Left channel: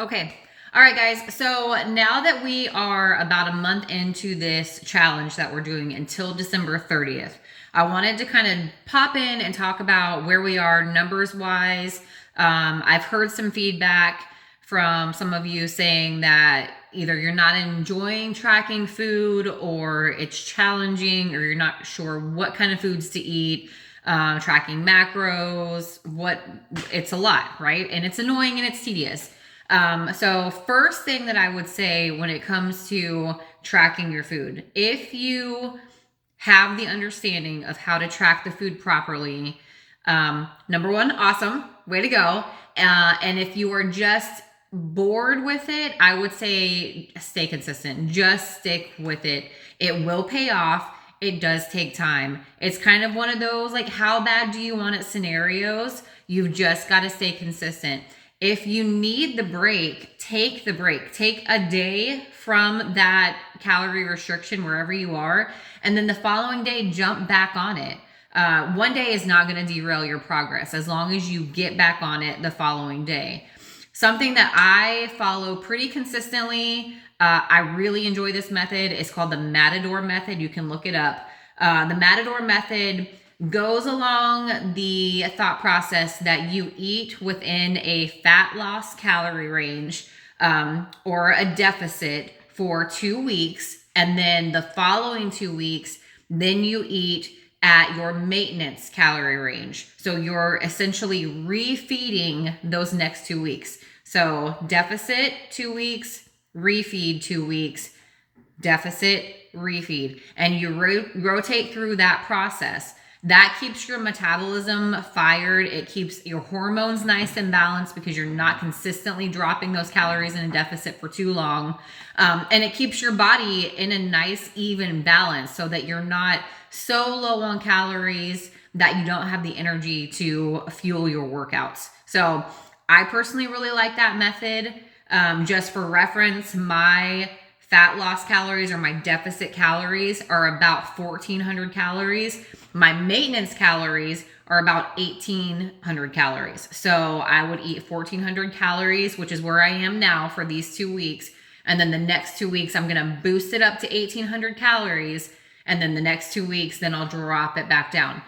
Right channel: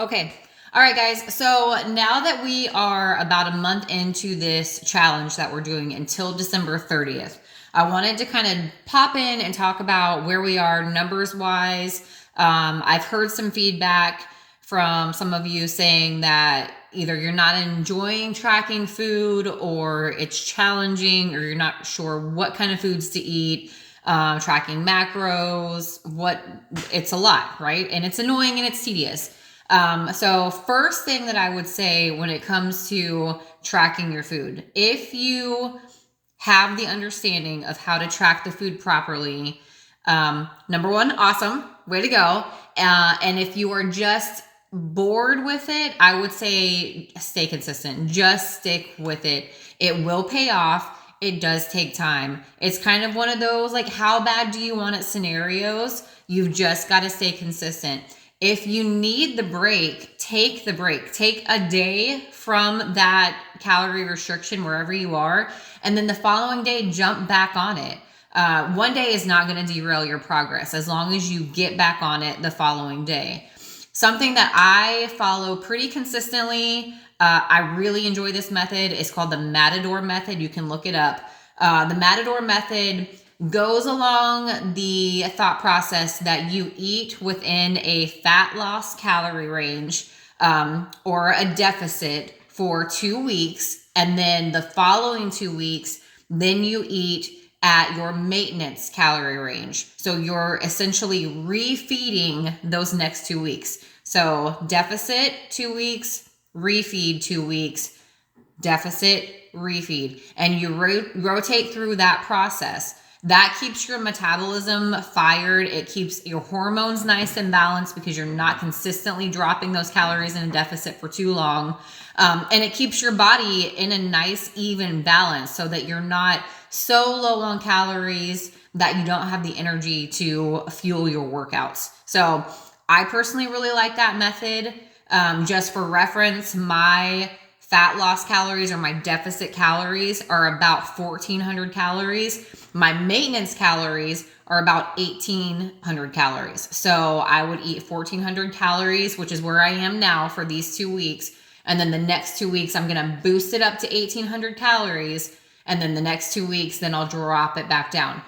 Okay. All right, guys. So now that we are about a month into this challenge that we're doing until December 30th, I wanted to kind of pop in and talk about where we are numbers wise. I've heard some feedback from some of you saying that either you're not enjoying tracking food or it's challenging or you're not sure what kind of foods to eat. Tracking macros, it's a lot, right? And it's annoying and it's tedious. So first thing that I would say when it comes to tracking your food, if you have the understanding of how to track the food properly, number one, awesome, way to go. And if you are just bored with it, I would say stay consistent. Just stick with it. It will pay off. It does take time. It's kind of one of those like, how bad do you want it scenarios? You've just got to stay consistent. If you need the break, take the break. Take a day from that calorie restriction wherever you are, and then the following day, jump back on it. One day is not going to derail your progress as long as you get back on it the following day. Something that I follow pretty consistently, I really enjoy this method. It's called the Matador method. You can look it up. The Matador method goes along the thought process that you eat within a fat loss calorie range or a deficit for 2 weeks. And then the following 2 weeks, then you eat at your maintenance calorie range. So you're essentially refeeding those next 2 weeks. So deficit 2 weeks, refeed 2 weeks, deficit, refeed. And you rotate through that process. That keeps your metabolism fired. It keeps your hormones nice and balanced because you're not consistently dropping those calories in a deficit for too long. And it keeps your body in a nice, even balance so that you're not so low on calories that you don't have the energy to fuel your workouts. So I personally really like that method. Just for reference, my fat loss calories or my deficit calories are about 1,400 calories. My maintenance calories are about 1,800 calories. So I would eat 1,400 calories, which is where I am now for these 2 weeks. And then the next 2 weeks, I'm going to boost it up to 1,800 calories. And then the next 2 weeks, then I'll drop it back down.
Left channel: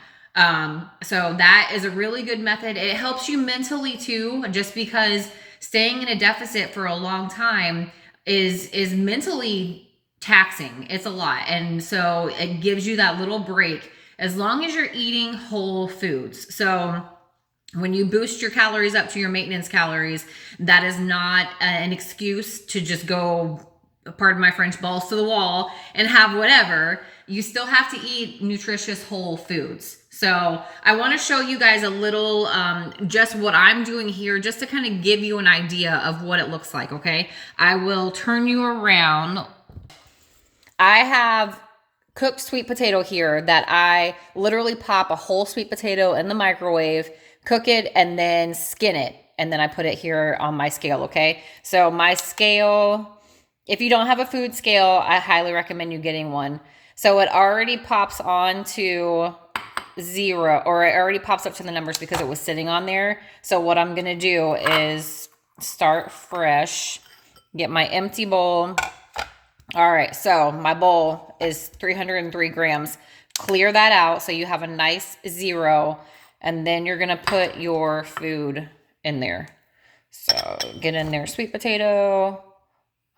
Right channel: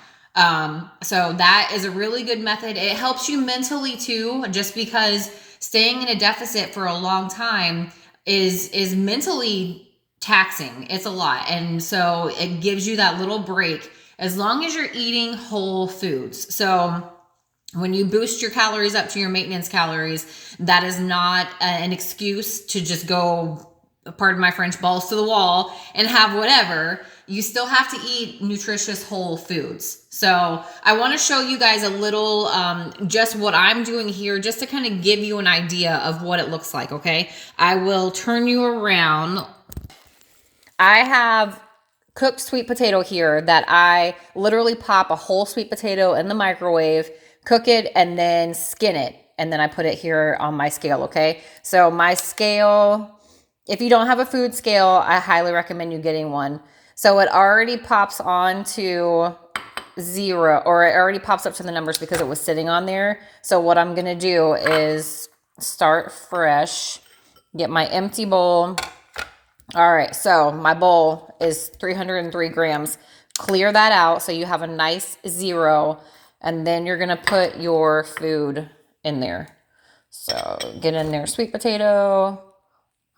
So that is a really good method. It helps you mentally too, just because staying in a deficit for a long time is mentally taxing. It's a lot. And so it gives you that little break as long as you're eating whole foods. So when you boost your calories up to your maintenance calories, that is not an excuse to just go, pardon my French, balls to the wall and have whatever. You still have to eat nutritious whole foods. So I want to show you guys a little, just what I'm doing here, just to kind of give you an idea of what it looks like. Okay. I will turn you around. I have cooked sweet potato here that I literally pop a whole sweet potato in the microwave, cook it, and then skin it. And then I put it here on my scale. Okay. So my scale, if you don't have a food scale, I highly recommend you getting one. So it already pops on to 0, or it already pops up to the numbers because it was sitting on there. So what I'm going to do is start fresh, get my empty bowl. All right, so my bowl is 303 grams. Clear that out so you have a nice 0, and then you're going to put your food in there. So get in there, sweet potato.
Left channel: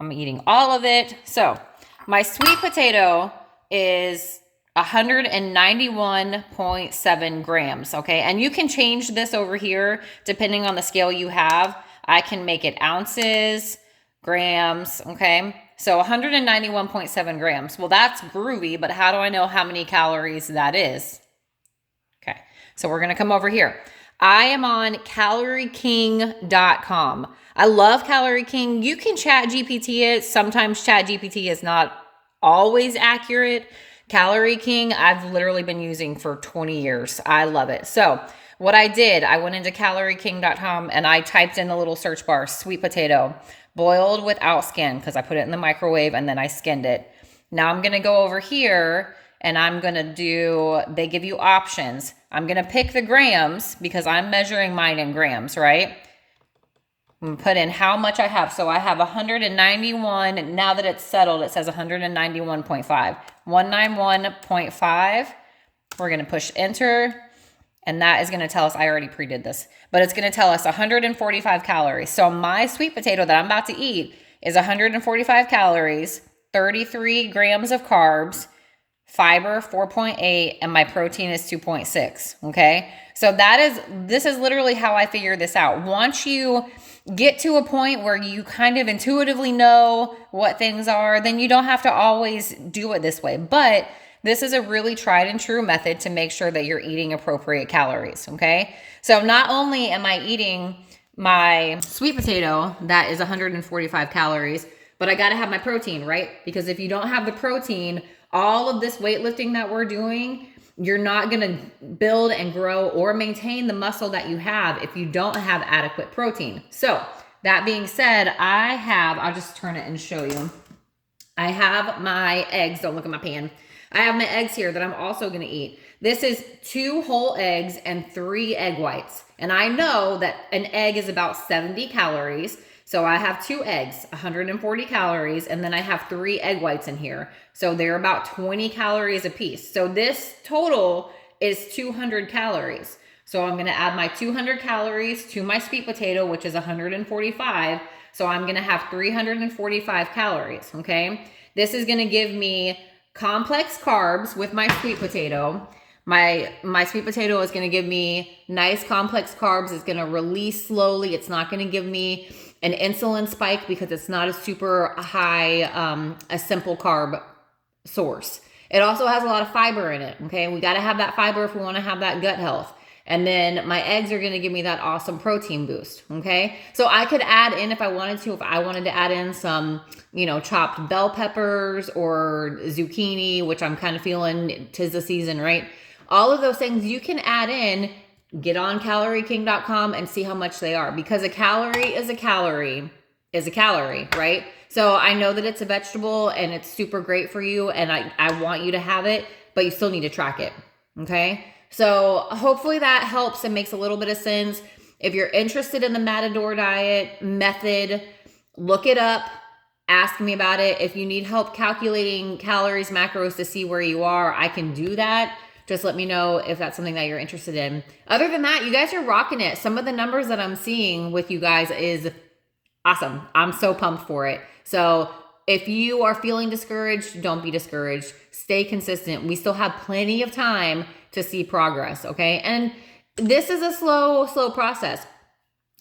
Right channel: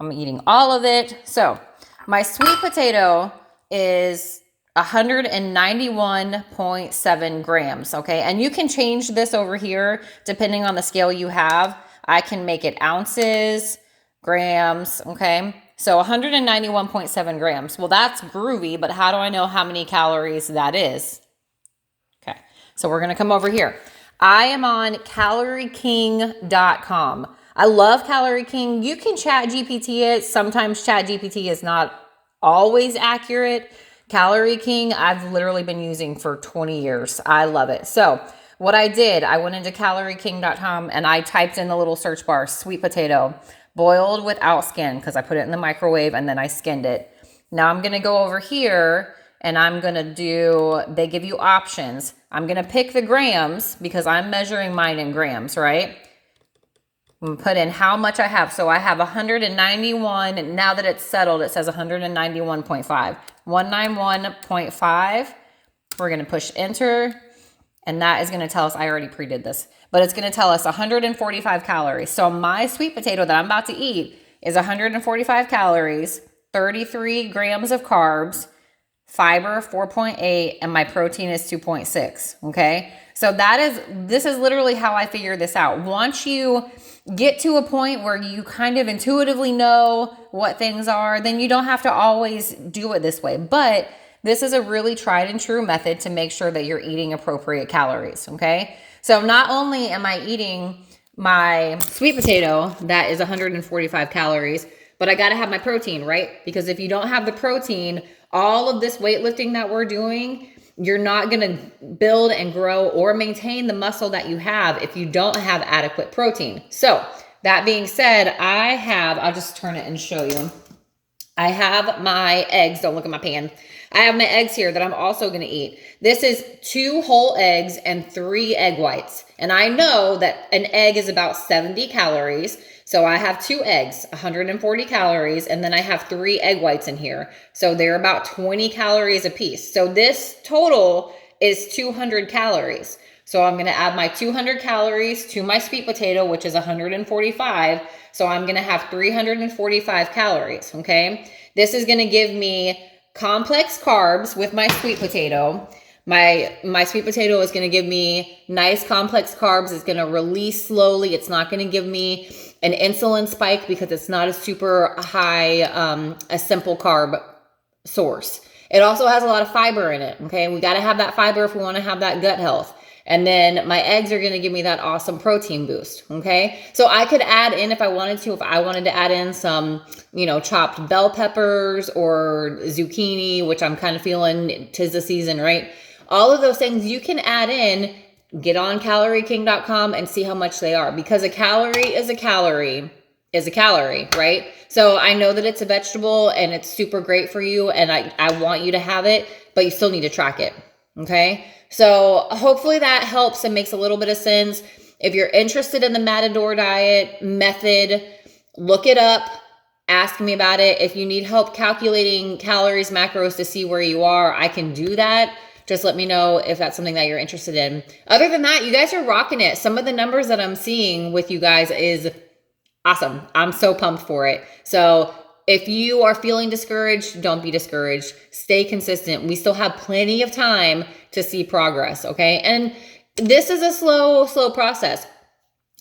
I'm eating all of it. So my sweet potato is 191.7 grams, okay? And you can change this over here depending on the scale you have. I can make it ounces, grams, okay? So 191.7 grams. Well, that's groovy, but how do I know how many calories that is? Okay, so we're gonna come over here. I am on CalorieKing.com. I love Calorie King. You can chat GPT it. Sometimes chat GPT is not always accurate. Calorie King, I've literally been using for 20 years. I love it. So what I did, I went into CalorieKing.com and I typed in the little search bar, sweet potato, boiled without skin, because I put it in the microwave and then I skinned it. Now I'm going to go over here and I'm going to do, they give you options. I'm going to pick the grams because I'm measuring mine in grams, right? I'm gonna put in how much I have. So I have 191. Now that it's settled, it says 191.5. 191.5. We're gonna push enter. And that is gonna tell us, I already pre-did this, but it's gonna tell us 145 calories. So my sweet potato that I'm about to eat is 145 calories, 33 grams of carbs, fiber 4.8, and my protein is 2.6, okay? So this is literally how I figure this out. Once you get to a point where you kind of intuitively know what things are, then you don't have to always do it this way. But this is a really tried and true method to make sure that you're eating appropriate calories, okay? So not only am I eating my sweet potato that is 145 calories, but I gotta have my protein, right? Because if you don't have the protein, all of this weightlifting that we're doing, you're not gonna build and grow or maintain the muscle that you have if you don't have adequate protein. So that being said, I'll just turn it and show you. I have my eggs. Don't look at my pan. I have my eggs here that I'm also going to eat. This is 2 whole eggs and 3 egg whites. And I know that an egg is about 70 calories. So I have 2 eggs, 140 calories, and then I have 3 egg whites in here. So they're about 20 calories a piece. So this total is 200 calories. So I'm going to add my 200 calories to my sweet potato, which is 145. So I'm going to have 345 calories, okay? This is going to give me complex carbs with my sweet potato. My sweet potato is going to give me nice complex carbs. It's going to release slowly. It's not going to give me an insulin spike because it's not a super high, a simple carb source. It also has a lot of fiber in it, okay? We got to have that fiber if we want to have that gut health. And then my eggs are going to give me that awesome protein boost, okay? So I could add in if I wanted to, if I wanted to add in some, chopped bell peppers or zucchini, which I'm kind of feeling 'tis the season, right? All of those things you can add in, get on calorieking.com and see how much they are, because a calorie is a calorie, right? So I know that it's a vegetable and it's super great for you and I want you to have it, but you still need to track it, okay? So hopefully that helps and makes a little bit of sense. If you're interested in the Matador diet method, look it up, ask me about it. If you need help calculating calories, macros to see where you are, I can do that. Just let me know if that's something that you're interested in. Other than that, you guys are rocking it. Some of the numbers that I'm seeing with you guys is awesome. I'm so pumped for it. So if you are feeling discouraged, don't be discouraged. Stay consistent. We still have plenty of time to see progress, okay? And this is a slow process.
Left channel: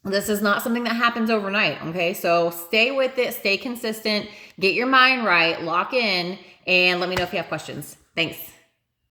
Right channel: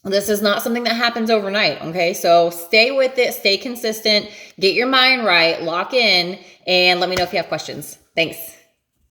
This is not something that happens overnight, okay? So stay with it, stay consistent, get your mind right, lock in, and let me know if you have questions. Thanks.